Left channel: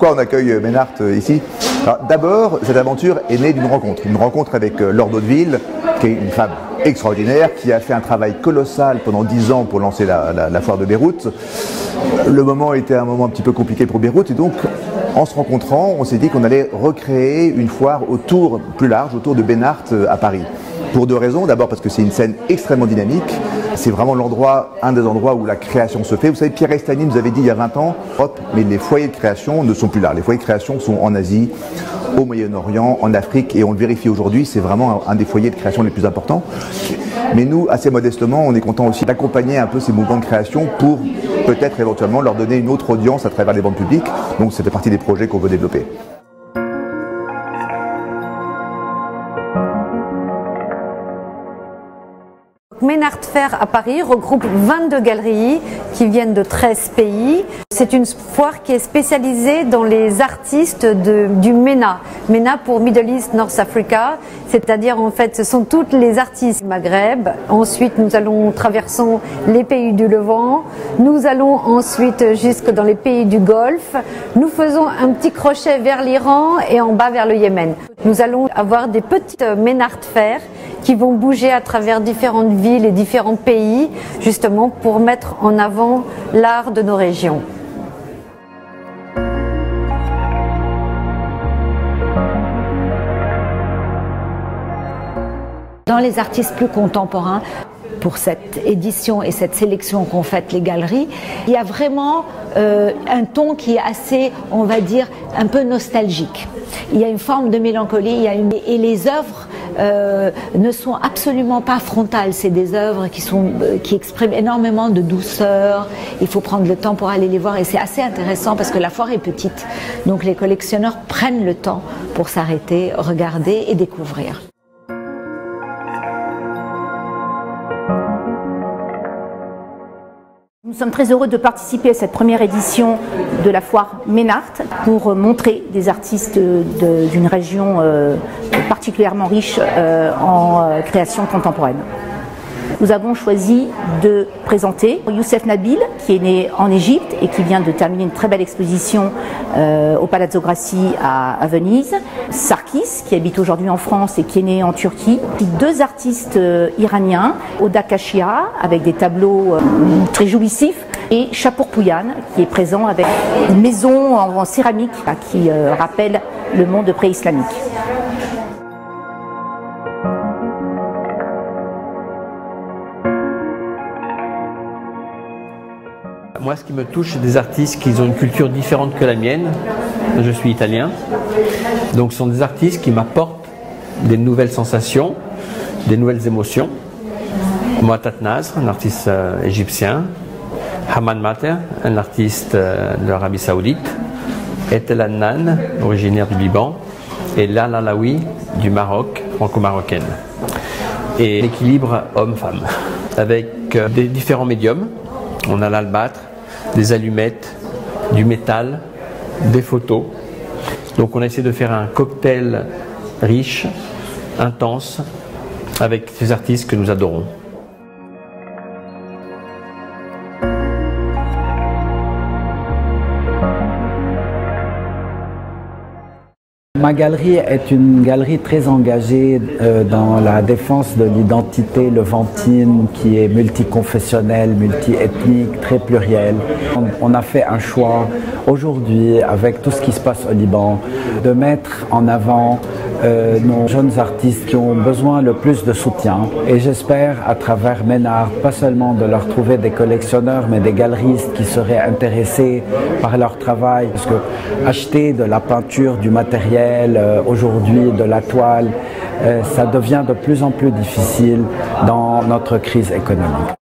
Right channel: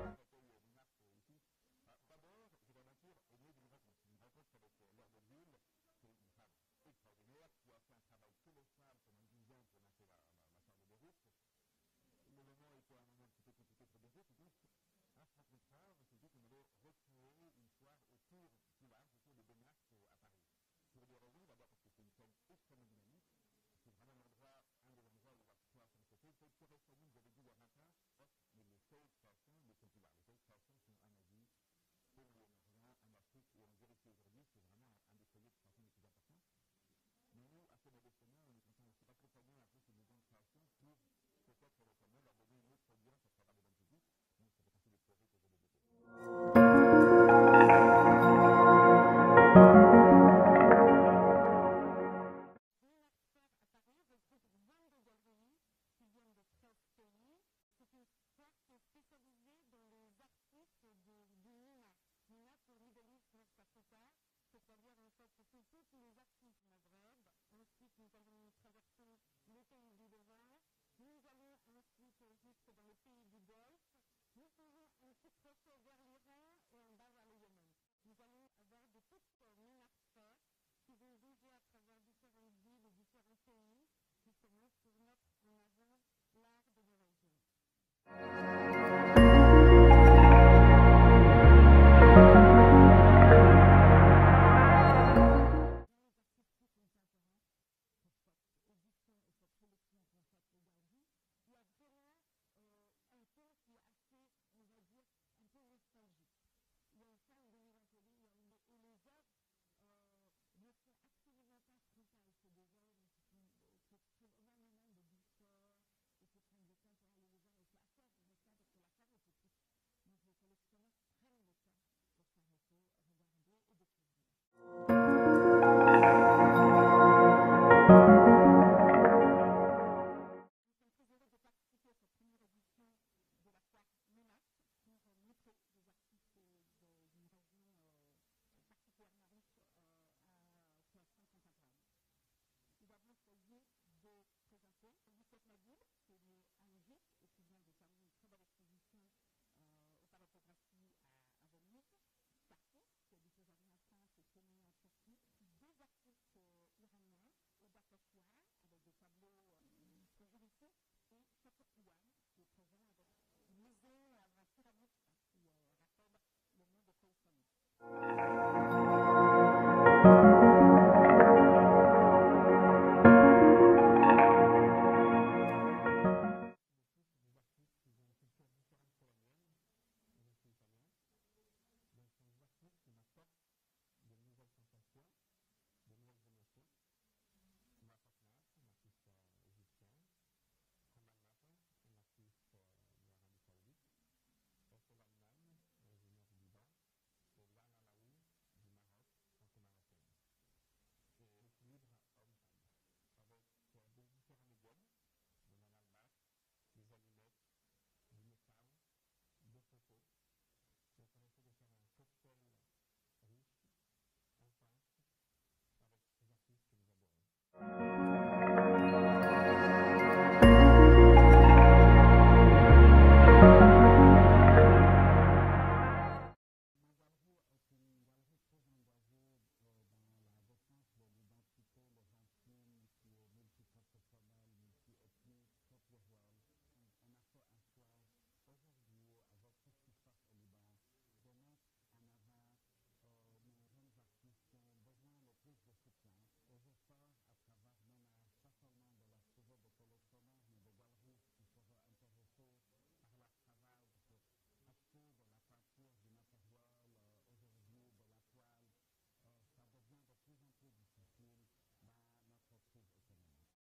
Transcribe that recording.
Pourquoi on accueille Ménart ici? D'abord, cette aventure est née d'une rencontre avec Laure Daudeville, qui est une femme extraordinaire, qui a fait un travail colossal pendant 10 ans pour lancer la foire de Beyrouth. Le moment était un moment un petit peu compliqué pour Beyrouth, et donc en se rencontrant, on s'est dit qu'on allait recréer une foire plus large, autour de Ménart à Paris. Pour 2 raisons. D'abord parce que c'est une scène extrêmement dynamique. C'est vraiment un des endroits où la création se fait. Vous savez, Pierre Estany nous avait dit il y a 20 ans, mais les foyers de création ne sont plus là. Les foyers de création sont en Asie, au Moyen-Orient, en Afrique, et on le vérifie aujourd'hui, c'est vraiment un des foyers de création les plus importants. Mais nous, assez modestement, on est content aussi d'accompagner un peu ces mouvements de création pour peut-être éventuellement leur donner une autre audience à travers les banques publiques. Donc ça fait partie des projets qu'on veut développer. Ménart Fair à Paris regroupe 22 galeries qui viennent de 13 pays. C'est une foire qui est spécialisée dans les artistes du MENA. MENA pour Middle East, North Africa, c'est-à-dire en fait ce sont tous les artistes du Maghreb. Ensuite nous traversons les pays du Levant, nous allons ensuite jusque dans les pays du Golfe. Nous faisons un petit crochet vers l'Iran et en bas vers le Yémen. Nous allons avoir des petites Ménart Fair qui vont bouger à travers différentes villes et différents pays, justement pour mettre en avant l'art de nos régions. Dans les artistes plus contemporains, pour cette édition et cette sélection qu'ont faite les galeries, il y a vraiment un ton qui est assez, on va dire, un peu nostalgique. Il y a une forme de mélancolie, et les œuvres ne sont absolument pas frontales. C'est des œuvres qui expriment énormément de douceur. Il faut prendre le temps pour aller les voir, et c'est assez intéressant parce que la foire est petite. Donc les collectionneurs prennent le temps pour s'arrêter, regarder et découvrir. Nous sommes très heureux de participer à cette première édition de la foire Ménart pour montrer des artistes d'une région particulièrement riche en création contemporaine. Nous avons choisi de présenter Youssef Nabil, qui est né en Égypte et qui vient de terminer une très belle exposition au Palazzo Grassi à Venise. Sarkis, qui habite aujourd'hui en France et qui est né en Turquie. 2 artistes iraniens, Oda Kashia, avec des tableaux très jouissifs, et Chapour Pouyan, qui est présent avec une maison en céramique qui rappelle le monde pré-islamique. Moi, ce qui me touche, c'est des artistes qui ont une culture différente que la mienne. Je suis italien. Donc, ce sont des artistes qui m'apportent des nouvelles sensations, des nouvelles émotions. Moattat Nasr, un artiste égyptien. Haman Mater, un artiste de l'Arabie Saoudite. Etel Adnan, originaire du Liban. Et Lala Alaoui, du Maroc, franco-marocaine. Et l'équilibre homme-femme, avec des différents médiums. On a l'albâtre, des allumettes, du métal, des photos. Donc on a essayé de faire un cocktail riche, intense, avec ces artistes que nous adorons. Ma galerie est une galerie très engagée dans la défense de l'identité levantine, qui est multiconfessionnelle, multiethnique, très plurielle. On a fait un choix aujourd'hui, avec tout ce qui se passe au Liban, de mettre en avant nos jeunes artistes qui ont besoin le plus de soutien. Et j'espère, à travers Ménart, pas seulement de leur trouver des collectionneurs, mais des galeristes qui seraient intéressés par leur travail. Parce que acheter de la peinture, du matériel, aujourd'hui de la toile, ça devient de plus en plus difficile dans notre crise économique.